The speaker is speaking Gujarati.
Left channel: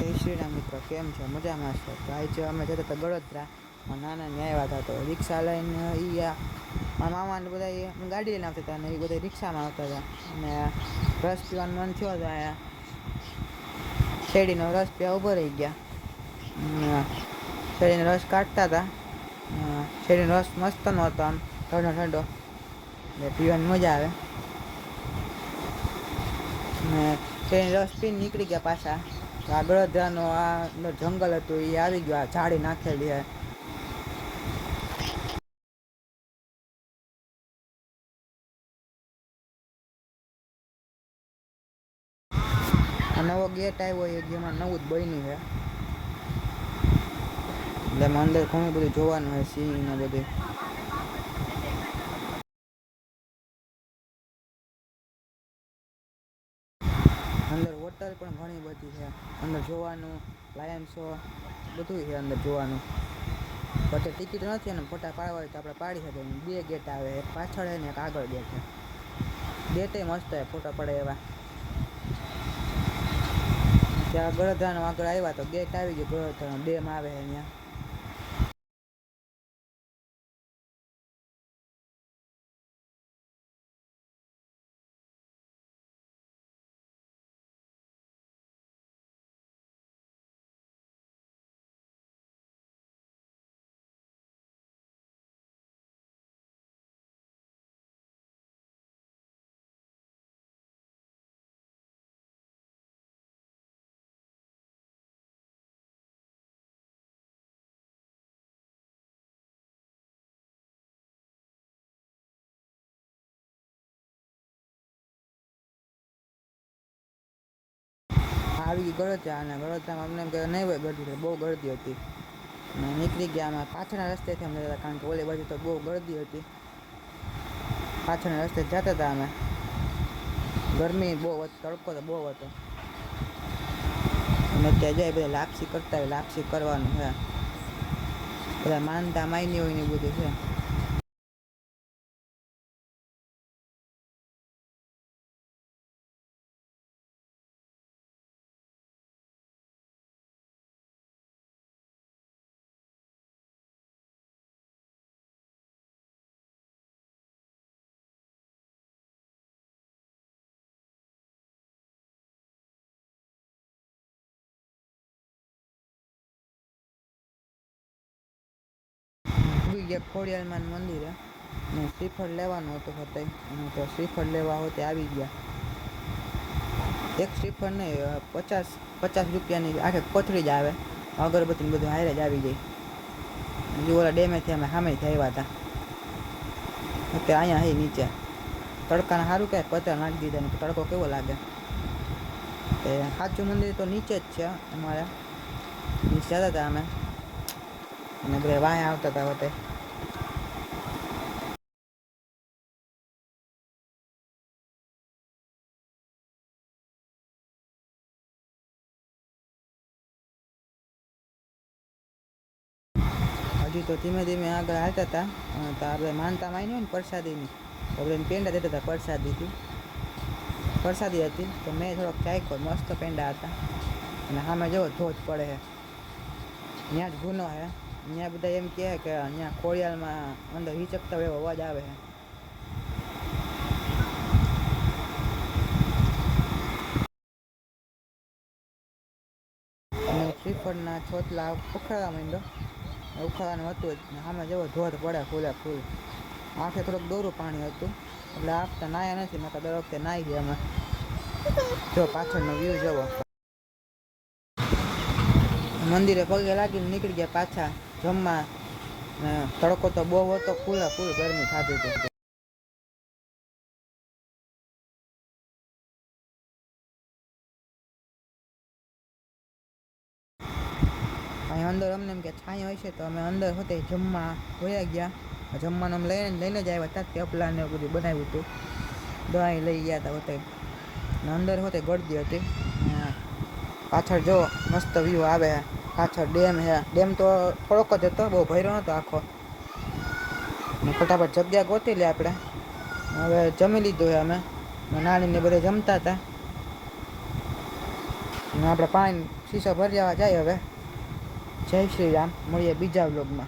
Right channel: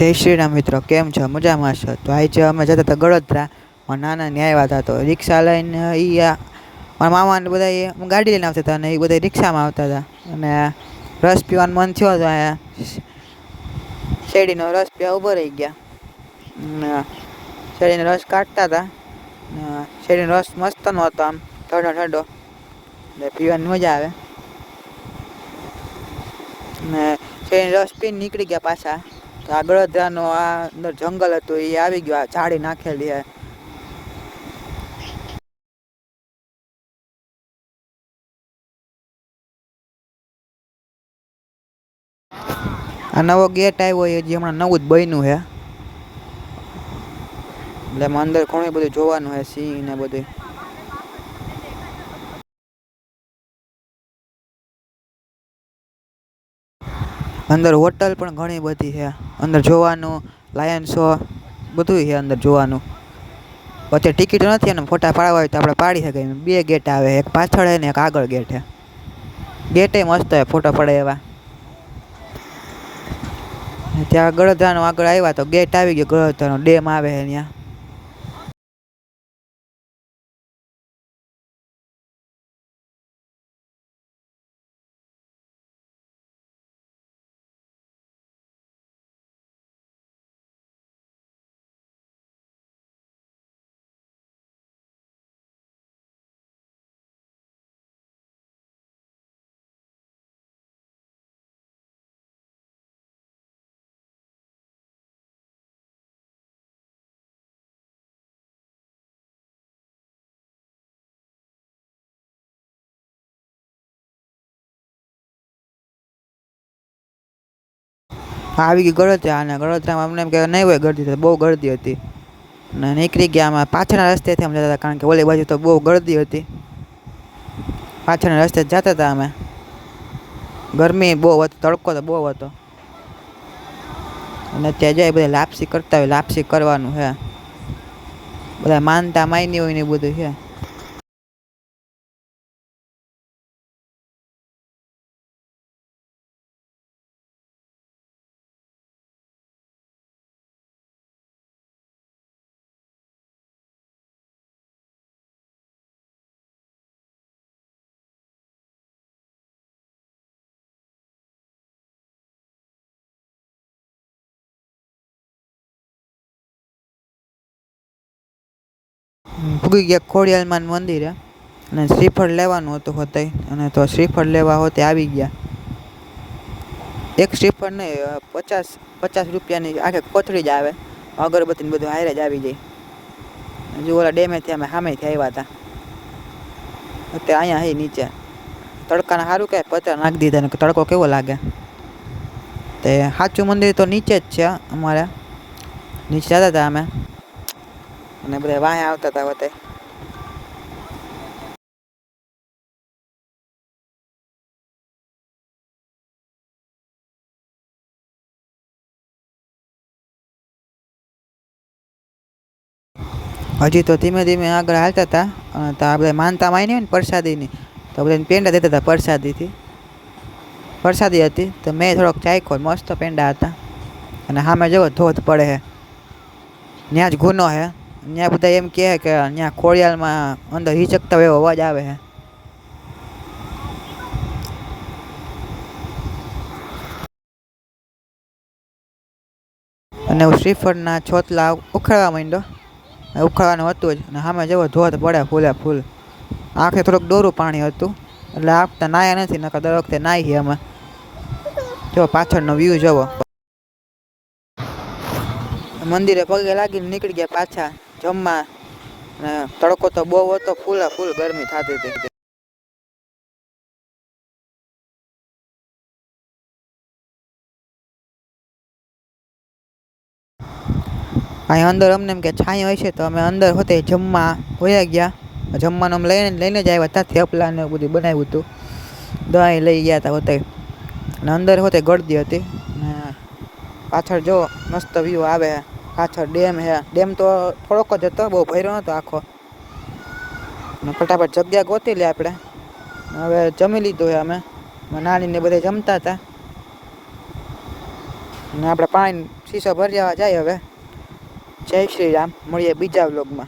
જય શ્રી રામ મિત્રો, કેમ છો? મજામાં છો? તો આજે અમે જતા હતા ગળોદરા. મારા નાનાને આવ્યા હતા તો રિક્ષા લઈને મારા મામાને બધા ગાડી લઈને આવતા હતા અને એ બધા રિક્ષામાં આવતા હતા. અને રસ પીવાનું મન થયો તો અહીંયા શેરડીનો રસ પીવા ઊભો રહી ગયા. શેરડીનો રસ કાઢતા હતા. શેરડીનો રસ મસ્તનો હતો, આમ ઠંડો ઠંડો, એટલે પીવાની મજા આવે. ને શેરડીનો રસ પીને નીકળી ગયા પાછા. આ ગળોદરાનો આ અંદર જંગલ હતું, એ આવી ગયો, આ ઝાડી નાખેલી હે. આ નવો ગેટ આવ્યો, એ જે હમણાં નવું જ બન્યું છે, એટલે એમાં અંદર ઘણું બધું જોવાનું છે, સિંહ ને બધું. અંદર હોટલ પણ ઘણી બધી છે, અંદર જોવાનું, લાયન શો બધું છે અંદર જોવાનું. વચ્ચે ટિકિટ નથી, અને ફોટા પાડવા હોય તો આપણે પાડી શકીએ. બે ગેટ આવે, એક પાછળ છે ને એક આગળ ગેટ છે. ગેટે મસ્ત હોય ફોટો પડે એવા. ત્યાં ગળોદરાનો આગળ આવ્યા તો ગેટ આવી ગયો, ગળોદરાનો ડેમ આવે છે ત્યાં. આવી ગઈ ગળોદરા, અને ગળોદરામાં અમને એમ કે નહીં હોય ગળદી, તો બહુ ગળદી હતી. અને નીકળી ગયા અમે પાછળના રસ્તેથી અમે જતા હતા, કારણ કે ઓલી બાજુ તો બહુ ગળદી હતી. પાછળના રસ્તે જતા હતા અમે. ગરમી બહુ હતી, તડકો તો બહુ હતો. અને ત્યાં જાય બધા લાપસી કરતા હોય, લાપસી કરવાનું છે. બધા માનતા માયની હોય ને બધું છે. ભૂગી ગયા ખોડિયાલમાં મંદિરે, અને શ્રીફળ લેવાનું હતું હોતે, અને તો શ્રીફળ લેવા હોતે આવી ગયા. એક શ્રીફળ નહીં, 50 રૂપિયાની આખે કોથળી જ આવે. અગરબત્તીને બધું હારે જ આવી જાય. હજુ ઓલા ડેમેથી અમે સામેથી આવ્યા હતા, એટલે અહીંયા હે નીચે. તડકાને સારું કે પતરા નાખી દીધા ને, તડકો કેવો લાગે. તે સાચું મંદિર તો નીચે જ છે અમારે. નીચે જતા હતા અમે, અને બધા વાંહે આવતા હતા હોતે. હજી તો ધીમે ધીમે આગળ હાલતા હતા. તો આ બધા માનતા માની હોય ને પ્રસાદીની, તો બધાને પેંડા દેતા હતા પ્રસાદીથી. પ્રસાદી હતી તો મેં થોડોક ચાખ્યો, મસ્ત પેંડા હતા. અને સામે જવો ધોધ પડે છે, ત્યાં જ ગુનો છે. ત્યાં બધા એમ કહે કે ત્યાં ખોડિયાલમાં અંદર હિચકતા હોય એવો અવાજ આવે છે. અને હું શ્રીફળના છોતલા ઉખાડવા માંડ્યો. ઉખાડવાનું હતું જ, અને સામે જવો ધોધ પડે ફૂલે ફૂલ. આંખે થોડુંક ડોરું પાણી હતું, એટલે આપતા નાયા નથી, નકર દર વખતે નાહીએ અમે. જો પાછળનો વ્યૂ જવો. મંદિરે પગે લાગીને નીકળી ગયા પાછા જમવા. અને તડકો તો બહુ હતો, ફૂલ ગરમી થતી હતી. અહીં અંદર અમને એમ કે છાંય હોય છે, તો અમે અંદર હોતે જમવા હોયા ગયા. જમવાનું અમે લઈને જ આવ્યા હતા, થેપલા ને બધું બનાવ્યું હતું. દહીં લઈ ગયા હતા હોતે. અને અંદર હોતે ગળદી હતી. પાછળ જો મસ્ત વ્યૂ આવે. પાછળ ડેમ છે. ડેમ તો થોડોક જ હતો, બહુ ભર્યો નહોતો આખો. ફટાફટ જગ્યા ગોતી લે આપણે. હવે જમી લીધું છે અમે. નાનીને બધા જમતા હતા, અને આપણે પાણી શીશો ભરી જવા જાય હવે. જય શ્રી રામ, મળીએ બીજા વ્લોગમાં.